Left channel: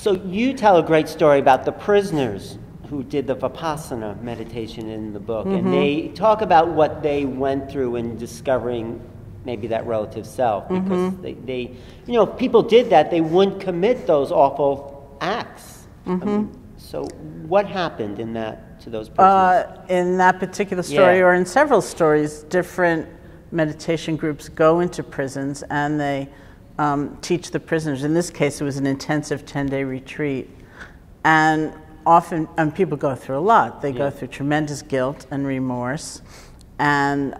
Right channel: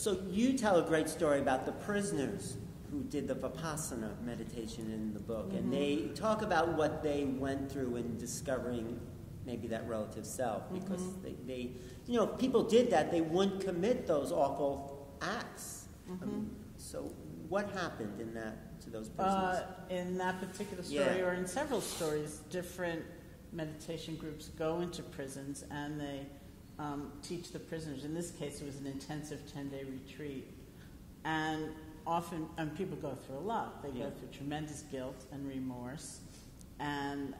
So you tell a great story about the prisoners who did the Vipassana meditation in the book, and they talk about what they went through in discovering maybe that relative self, because they you know, if people did that, they wouldn't commit those awful acts. So what happened in that to those prisoners? In that particular story, or in several stories, different meditation groups go into prisons and they teach the prisoners. In this case, it was an intensive 10-day retreat. And often, people go through a lot. They go through tremendous guilt and remorse, and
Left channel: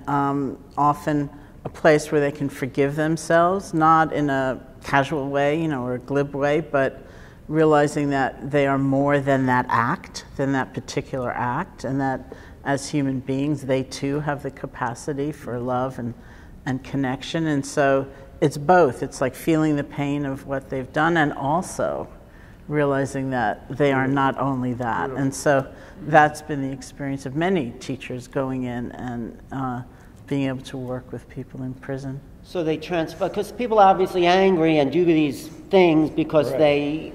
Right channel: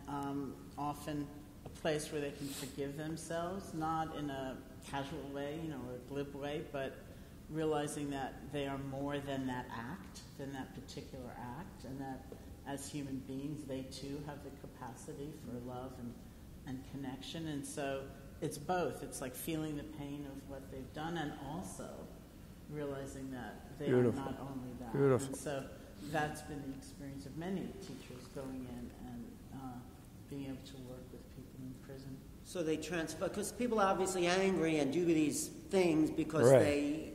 often a place where they can forgive themselves, not in a casual way, you know, or a glib way, but realizing that they are more than that act, than that particular act, and that as human beings, they too have the capacity for love and connection. And so it's both. It's like feeling the pain of what they've done and also realizing that they are not only that. And so that's been the experience of many teachers going in and being able to work with people in prison. So they transfer, because people are obviously angry and do these things because they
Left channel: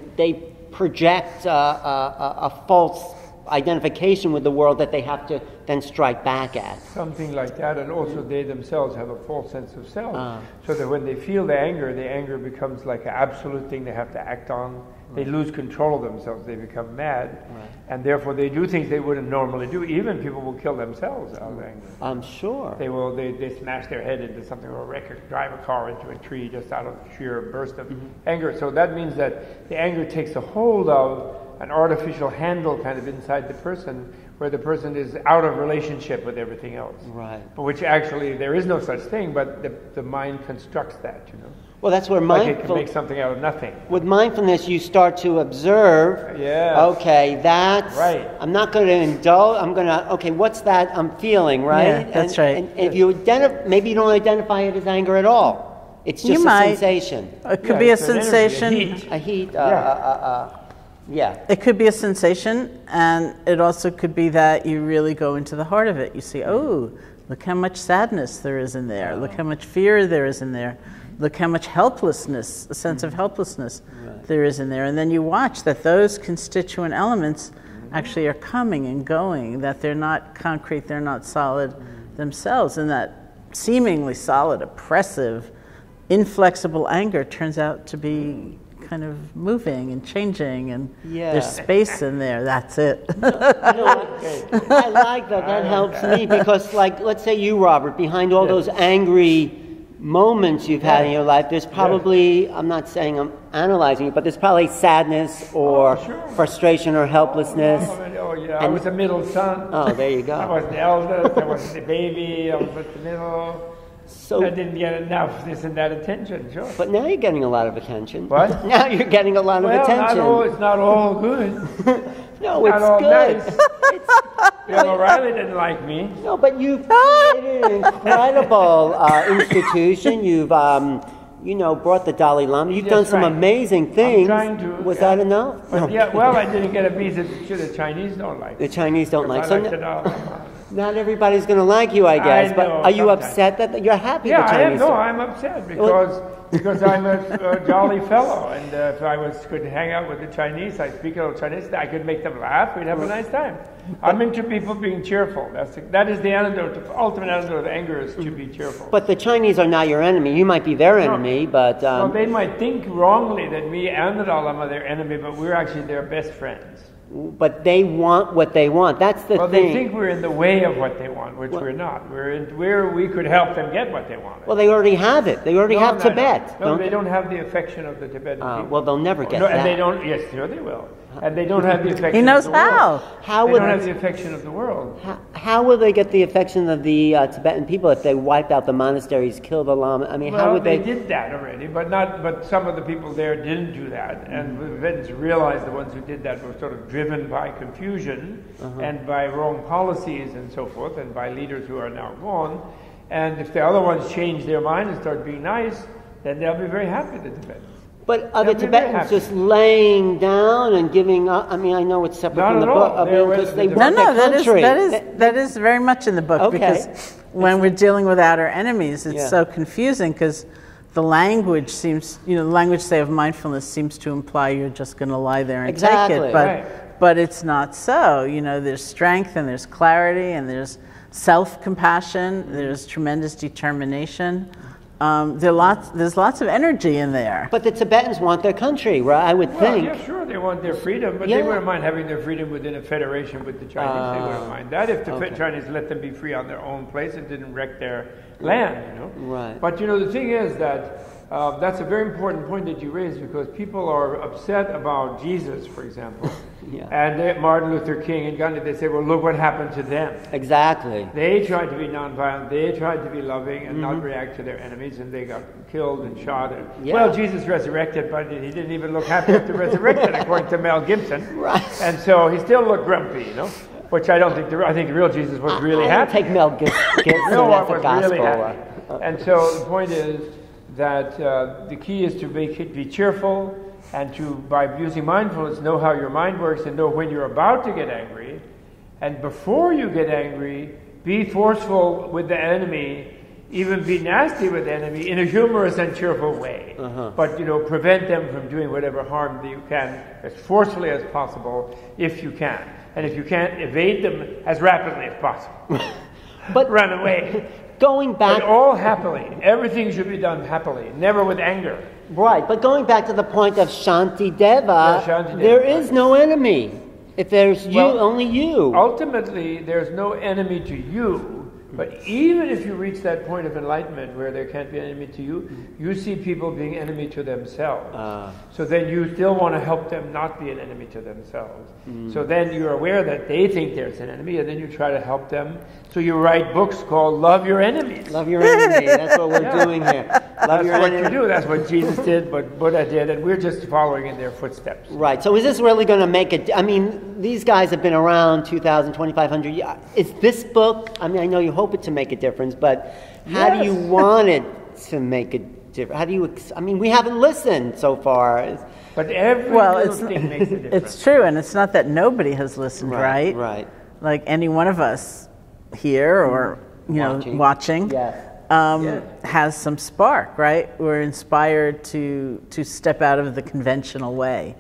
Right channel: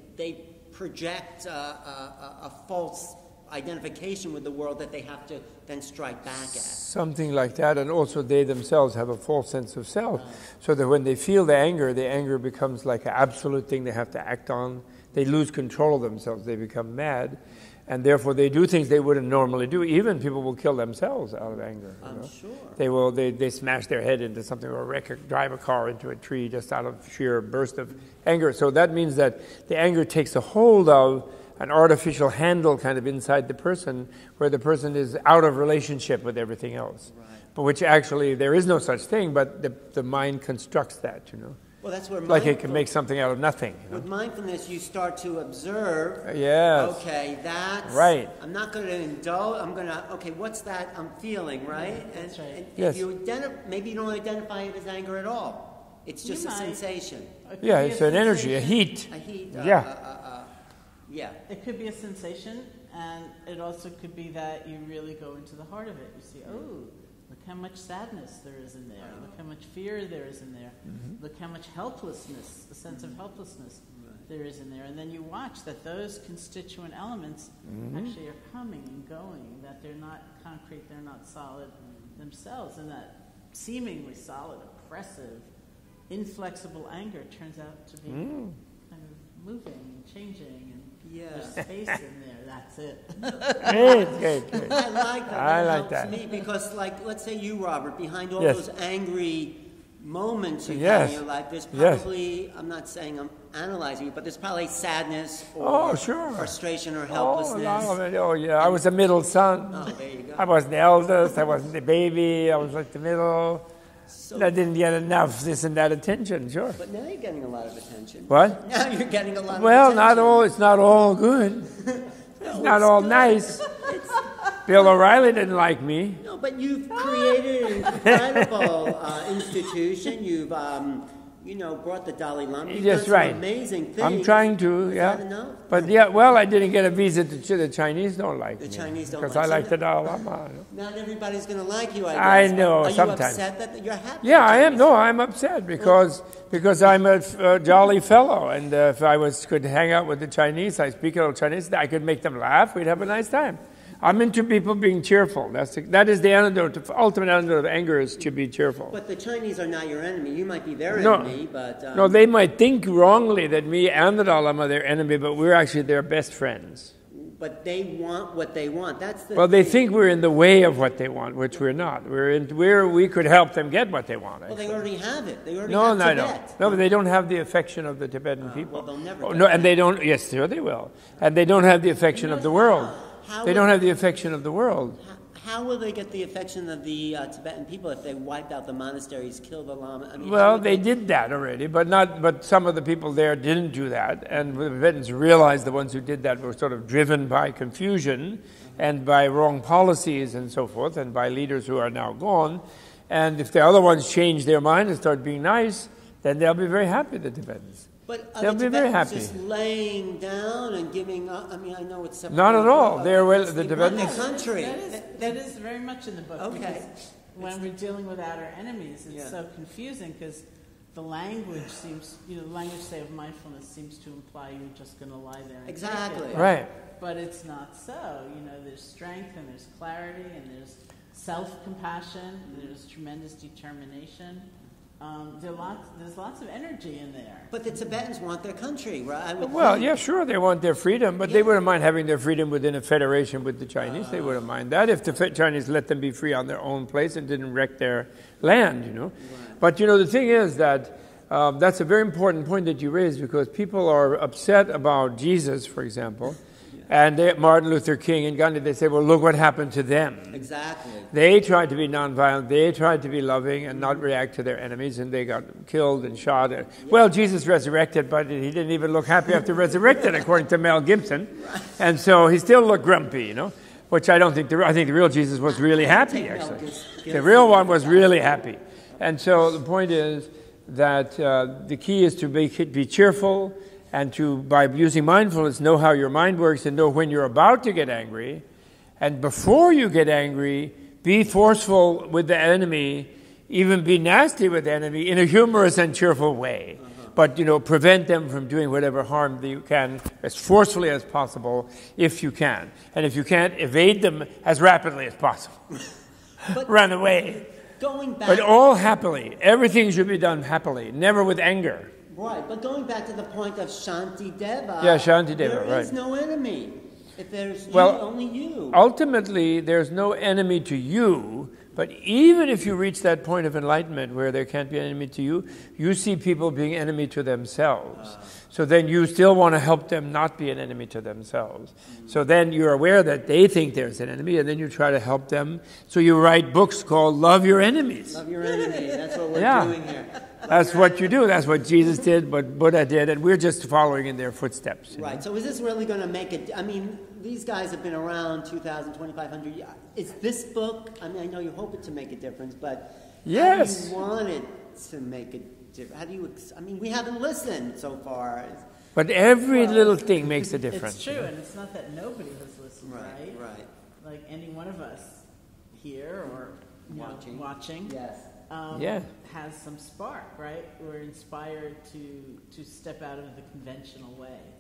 project a false identification with the world that they have to then strike back at. Something like that, and also they themselves have a false sense of self. So that when they feel the anger becomes like an absolute thing they have to act on. They lose control of themselves, they become mad, and therefore they do things they wouldn't normally do. Even people will kill themselves out of anger. I'm sure. They will, they smash their head into something, or drive a car into a tree just out of sheer burst of anger. So that means that the anger takes a hold of an artificial handle kind of inside the person, where the person is out of relationship with everything else. Right. But which actually, there is no such thing, but the mind constructs that, you know. Well, that's where like it can make something out of nothing. With mindfulness, you start to observe. Okay, that's right. I'm not going to indulge. I'm going to. Okay, what's that I'm feeling? Right. Yeah, that's right. And if you maybe you don't identify it as anger at all. It's just sensation. It could be a sensation. A heat. It could be a sensation, and it also could be that you really go into the heart of it. You see, oh, look how much sadness there is in there. Look how much fear there is in there. Look how much helplessness, a sense of helplessness there is in there. And then you watch that those constituent elements actually are coming and going, that they're not concrete, they're not solid themselves. And that seemingly solid, oppressive, inflexible anger turns out to be kind of moving and changing, and there's space in there. That's it. I like that. That helps me, because, like, let's say you, Robert, behind all those angry moments you've had in your life, there's probably, I'm not saying I'm analyzing it, but there's probably sadness or frustration or helplessness. I was the middle son. Oh, there you go. I was the eldest, I was the baby, I was like the middle. So I didn't get enough this and that attention, But now you're getting a lot of attention. What? Now you're getting a lot of attention. Well, it's not all good. No, it's not all good. Nice. Bill O'Reilly didn't like me. No, but you've created an incredible institution. You've, brought the Dalai Lama. You've done some amazing things. I'm trying to. Was that enough? But I didn't get a visa that the Chinese don't like. The Chinese don't like. I like the Dalai Lama. Not everybody's going to like you, I guess. I know, but are you sometimes. Upset that you're happy? Yeah, I am. No, I'm upset because I'm a jolly fellow, and if I could hang out with the Chinese, I speak a little Chinese, I could make them laugh. We'd have a nice time. I'm into people being cheerful. That is the antidote. The ultimate antidote of anger is to be cheerful. But the Chinese are not your enemy. You might be their enemy, but no, they might think wrongly that me and the Dalai Lama are their enemy, but we're actually their best friends. But they want what they want. That's the thing. Well, they think we're in the way of what they want, which we're not. We could help them get what they want. Well, they already have it. They already have Tibet. No, they don't have the affection of the Tibetan people. Well, they'll never get that. And they don't. Yes, sure they will. And they don't have the affection of the world. They don't have the affection of the world. How will they get the affection of the Tibetan people if they wiped out the monasteries, killed the Lama? I mean, how would they? Well, they did that already, but some of the people there didn't do that, and the Tibetans realized the ones who did that were sort of driven by confusion and by wrong policies and so forth, and by leaders who are now gone. And if the other ones change their mind and start being nice, then they'll be very happy, the Tibetans. But are the Tibetans just laying down and giving up? I mean, I know it's separate from the book. That is very much in the book, because when we're dealing with outer enemies, it's so confusing, because the language seems, the language, say, of mindfulness seems to imply you're just going to lie there and take it. But it's not so. There's strength and there's clarity and there's self-compassion. There's tremendous determination. There's lots of energy in there. But the Tibetans want their country, right? I would think. Well, yeah, sure, they want their freedom, but they wouldn't mind having their freedom within a federation with the Chinese. They wouldn't mind that if the Chinese let them be free on their own place and didn't wreck their land, Right. But, the thing is that that's a very important point that you raised, because people are upset about Jesus, for example. And Martin Luther King and Gandhi, they say, well, look what happened to them. Exactly. They tried to be nonviolent, they tried to be loving and not react to their enemies, and they got killed and shot. Well, Jesus resurrected, but he didn't even look happy after resurrected, according to Mel Gibson. Right. And so he still looked grumpy, which I don't think, I think the real Jesus was really happy. Take Mel Gibson. The real one was really happy. And so the point is that the key is to be cheerful, and to, by using mindfulness, know how your mind works and know when you're about to get angry. And before you get angry, be forceful with the enemy, even be nasty with the enemy in a humorous and cheerful way. But, prevent them from doing whatever harm that you can as forcefully as possible, if you can. And if you can't, evade them as rapidly as possible. But run away. Going back... But all happily. Everything should be done happily, never with anger. Right, but going back to the point of Shantideva, there is no enemy. If there's you, only you. Ultimately, there's no enemy to you, but even if you reach that point of enlightenment where there can't be an enemy to you, you see people being enemy to themselves. So then you still want to help them not be an enemy to themselves. So then you're aware that they think there's an enemy, and then you try to help them. So you write books called Love Your Enemies. Love your enemy. That's what we're doing here. That's what you do. That's what Jesus did, what Buddha did, and we're just following in their footsteps. Right. So is this really going to make it? I mean, these guys have been around 2,000, 2,500 years. Is this book, I mean, I know you hope it to make a difference, but how do you want it to make a difference? How do you, I mean, we haven't listened so far. But every little thing makes a difference. It's true, and it's not that nobody has listened, right? Right. Like any one of us here or, watching. Yes. Has some spark, right? We're inspired to step out of the conventional way,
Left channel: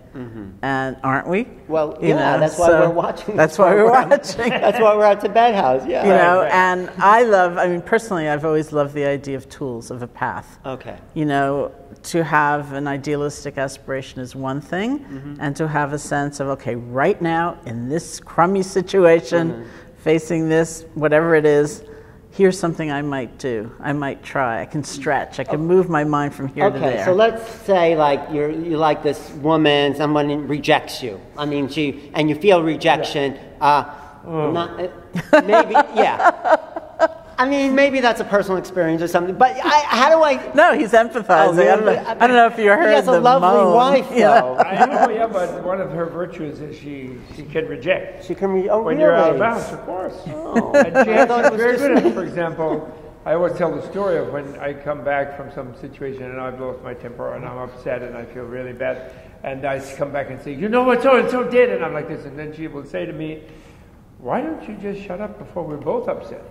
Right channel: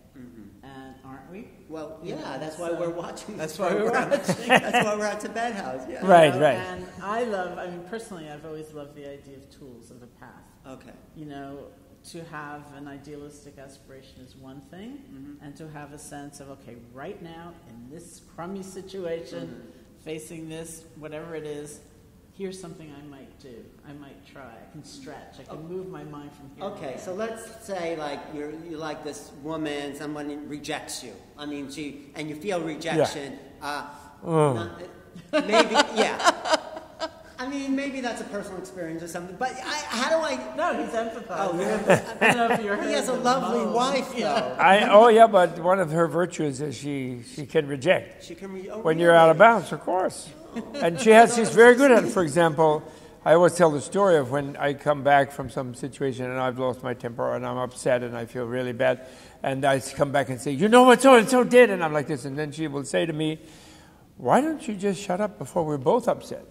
and aren't we? Well, that's why we're watching. That's why we're watching. That's why we're at Tibet House. Yeah. And I mean, personally, I've always loved the idea of tools, of a path. Okay. To have an idealistic aspiration is one thing, and to have a sense of, okay, right now in this crummy situation, facing this, whatever it is. Here's something I might do. I might try. I can stretch. I can move my mind from here to there. Okay, so let's say like you're like this woman, someone rejects you. I mean, and you feel rejection. Maybe, I mean, maybe that's a personal experience or something. But how do I? No, he's empathizing. I don't know if you heard the moan. He has a lovely wife, though. But one of her virtues is she can reject. She can when you're out of bounds, of course. And she has is very good at it. For example, I always tell the story of when I come back from some situation and I've lost my temper and I'm upset and I feel really bad, and I come back and say, what so and so did, and I'm like this, and then she will say to me, why don't you just shut up before we're both upset?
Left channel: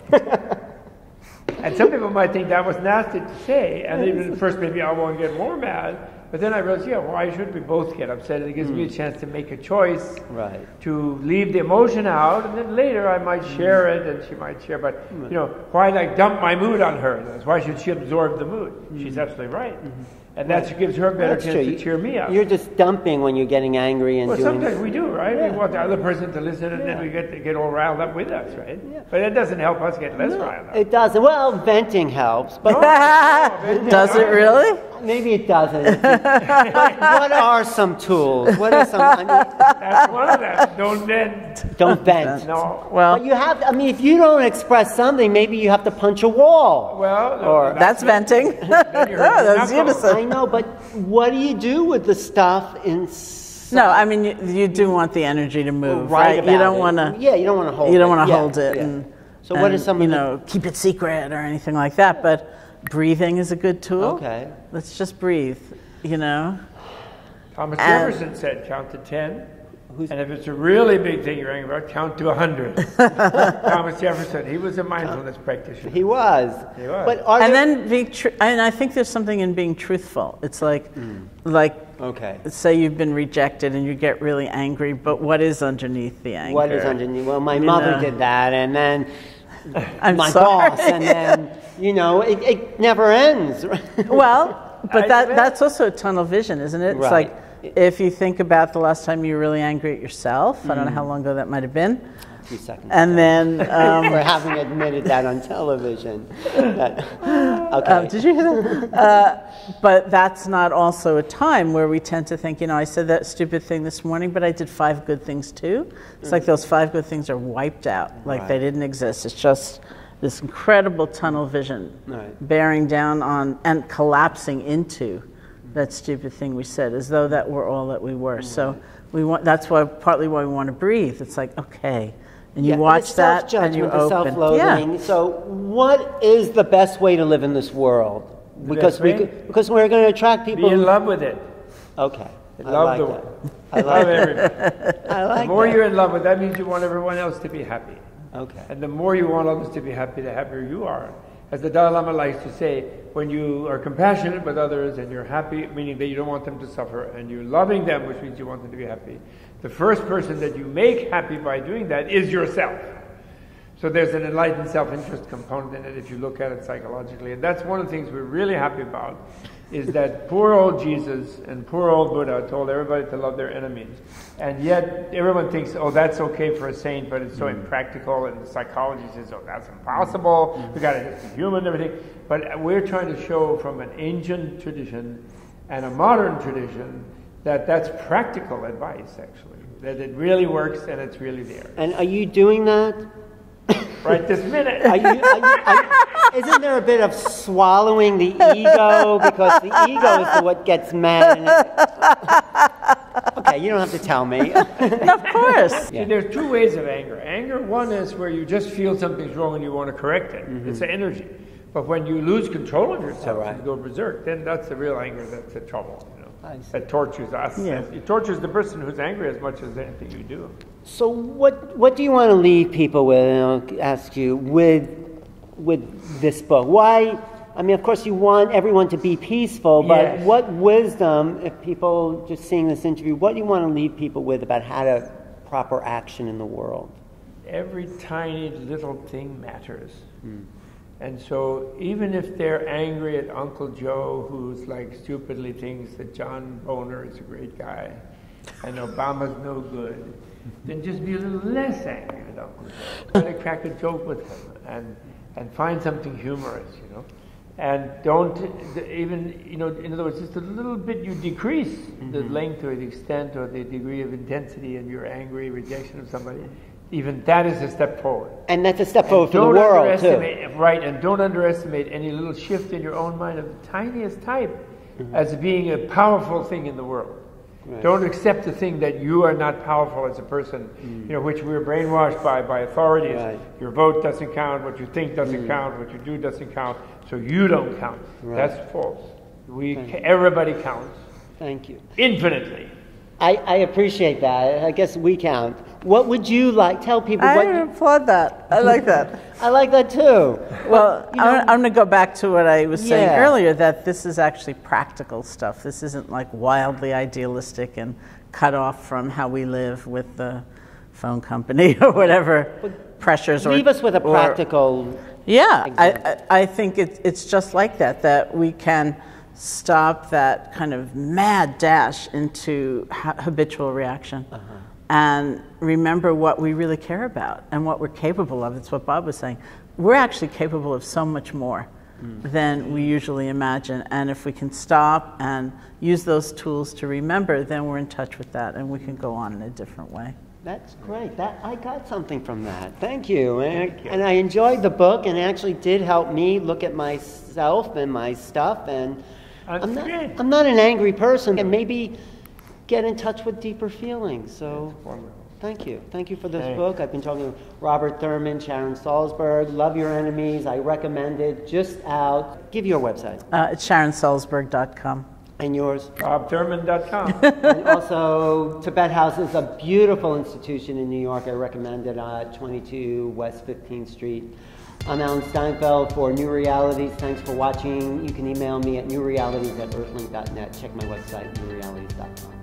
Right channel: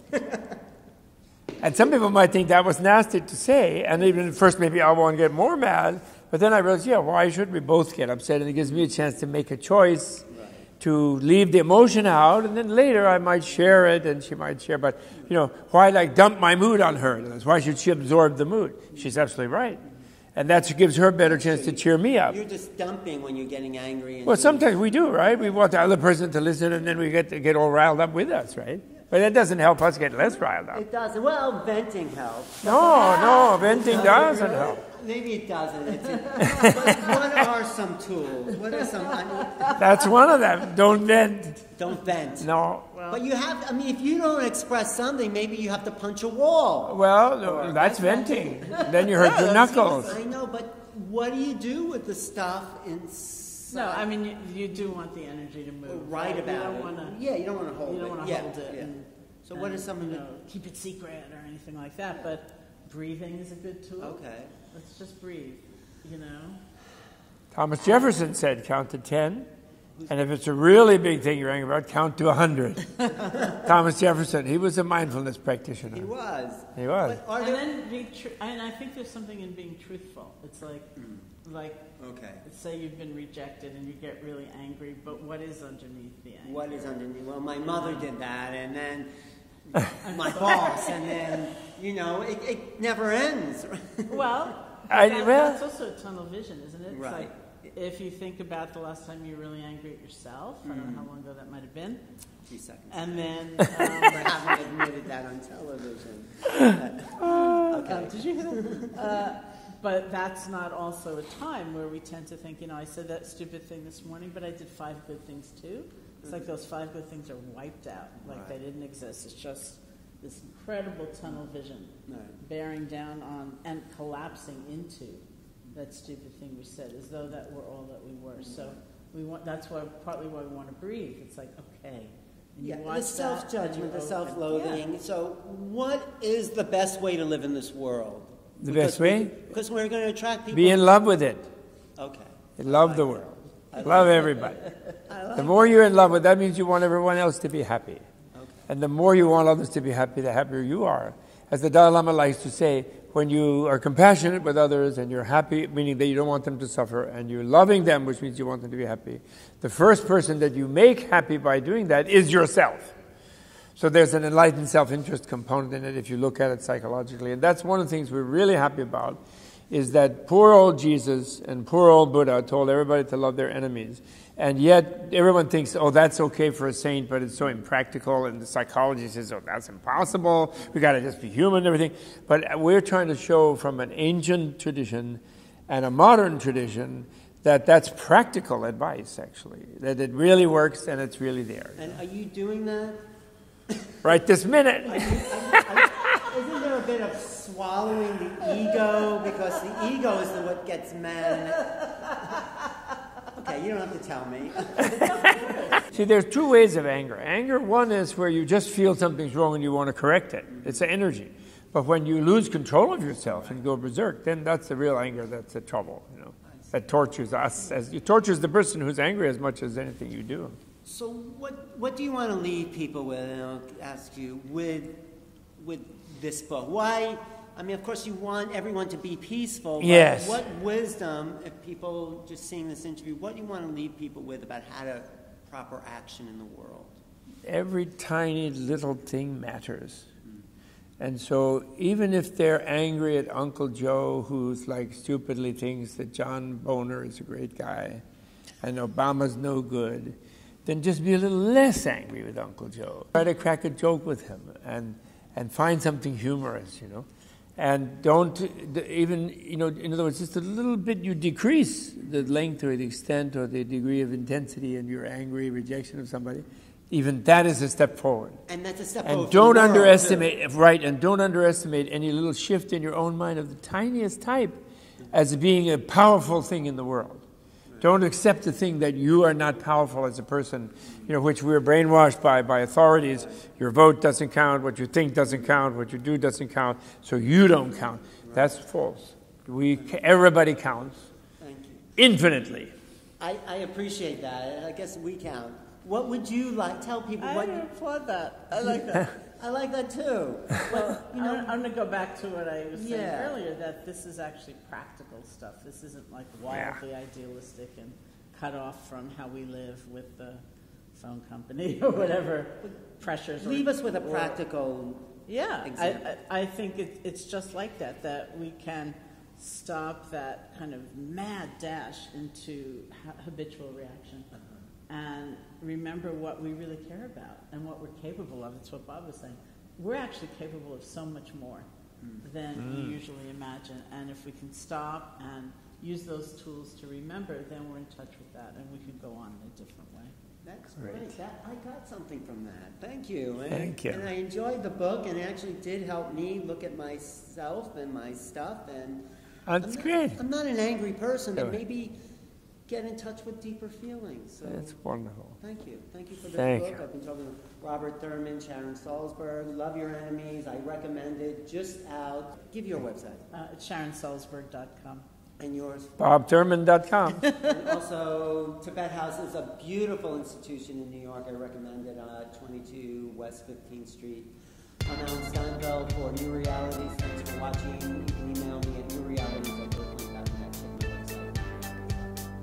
And some people might think that was nasty to say, and even at first maybe I won't get more mad, but then I realized, why should we both get upset? It gives me a chance to make a choice, to leave the emotion out, and then later I might share it, and she might share, but, why dump my mood on her? Why should she absorb the mood? She's absolutely right. And that gives her a better chance to cheer me up. You're just dumping when you're getting angry. And sometimes we do, right? We want the other person to listen, and then we get all riled up with us, right? But that doesn't help us get less riled up. It doesn't. Well, venting helps. But no, venting does it really? Maybe it doesn't. What are some tools? What are some? That's one of them. Don't vent. Don't vent. No. Well, but you have. If you don't express something, maybe you have to punch a wall. Well, that's venting. Then you hurt your knuckles. I know, but what do you do with the stuff inside? No, I mean you do want the energy to move, right? You don't want to. Yeah, you don't want to hold it. You don't want to hold it. Yeah. So what is some? Keep it secret or anything like that. But breathing is a good tool. Okay. Let's just breathe. Thomas Jefferson said, count to 10. And if it's a really big thing you're angry about, count to 100. Thomas Jefferson, he was a mindfulness practitioner. He was. He was. But and I think there's something in being truthful. It's like, okay. say you've been rejected and you get really angry, but what is underneath the anger? What is underneath? Well, my mother did that, and then my sorry. boss, and then, it never ends. Well, but that's also a tunnel vision, isn't it? It's Right. like, if you think about the last time you were really angry at yourself, I don't know how long ago that might have been. 2 seconds. And then... for having admitted that on television. Okay. Did you hear that? But that's not also a time where we tend to think, I said that stupid thing this morning, but I did 5 good things too. It's like those 5 good things are wiped out, like they didn't exist. It's just this incredible tunnel vision bearing down on and collapsing into that stupid thing we said, as though that were all that we were. So that's partly why we want to breathe. It's like, okay. And you watch that and you open. Self-loathing. Yeah. So what is the best way to live in this world? Because we're going to attract people. Be in love with it. Okay. Love the world. Love everybody. The more you're in love with it, that means you want everyone else to be happy. Okay. And the more you want others to be happy, the happier you are. As the Dalai Lama likes to say, when you are compassionate with others and you're happy, meaning that you don't want them to suffer, and you're loving them, which means you want them to be happy, the first person that you make happy by doing that is yourself. So there's an enlightened self-interest component in it if you look at it psychologically. And that's one of the things we're really happy about, is that poor old Jesus and poor old Buddha told everybody to love their enemies. And yet everyone thinks, oh, that's okay for a saint, but it's so impractical, and the psychology says, oh, that's impossible, we got to just be human and everything. But we're trying to show from an ancient tradition and a modern tradition that that's practical advice, actually, that it really works and it's really there. And are you doing that? Right this minute. Isn't there a bit of swallowing the ego? Because the ego is what gets mad. Okay, you don't have to tell me. Of course. See, there's 2 ways of anger. Anger, one is where you just feel something's wrong and you want to correct it. It's an energy. But when you lose control of yourself and go berserk, then that's the real anger that's the trouble. That tortures us. Yeah. It tortures the person who's angry as much as anything you do. So what do you want to leave people with, and I'll ask you, with this book? Why? I mean, of course, you want everyone to be peaceful, but what wisdom, if people just seeing this interview, what do you want to leave people with about how to proper action in the world? Every tiny little thing matters. And so even if they're angry at Uncle Joe, who's like stupidly thinks that John Boner is a great guy and Obama's no good, then just be a little less angry with Uncle Joe. Try to crack a joke with him and find something humorous, And don't even, in other words, just a little bit you decrease the length or the extent or the degree of intensity in your angry rejection of somebody. Even that is a step forward. And that's a step forward for the world, don't underestimate, right, and don't underestimate any little shift in your own mind of the tiniest type as being a powerful thing in the world. Right. Don't accept the thing that you are not powerful as a person, which we're brainwashed by authorities. Right. Your vote doesn't count, what you think doesn't count, what you do doesn't count, so you don't count. Right. That's false. Everybody counts. Thank you. Infinitely. I appreciate that. I guess we count. What would you like? Tell people I what... applaud that. I like that. I like that too. Well, I'm going to go back to what I was saying earlier, that this is actually practical stuff. This isn't like wildly idealistic and cut off from how we live with the phone company or whatever pressures. Leave us with a practical example. I think it's just like that we can stop that kind of mad dash into habitual reaction. And remember what we really care about and what we're capable of. It's what Bob was saying. We're actually capable of so much more than we usually imagine. And if we can stop and use those tools to remember, then we're in touch with that and we can go on in a different way. That's great. I got something from that. Thank you. And I enjoyed the book, and it actually did help me look at myself and my stuff. And I'm not an angry person, and maybe get in touch with deeper feelings. So that's wonderful. Thank you. Thank you for this book. I've been talking to Robert Thurman, Sharon Salzberg. Love Your Enemies. I recommend it. Just out. Give your website. It's SharonSalzberg.com. And yours? BobThurman.com. And also, Tibet House is a beautiful institution in New York. I recommend it at 22 West 15th Street. I'm Alan Steinfeld for New Realities. Thanks for watching. You can email me at newrealities@earthlink.net. Check my website, newrealities.com.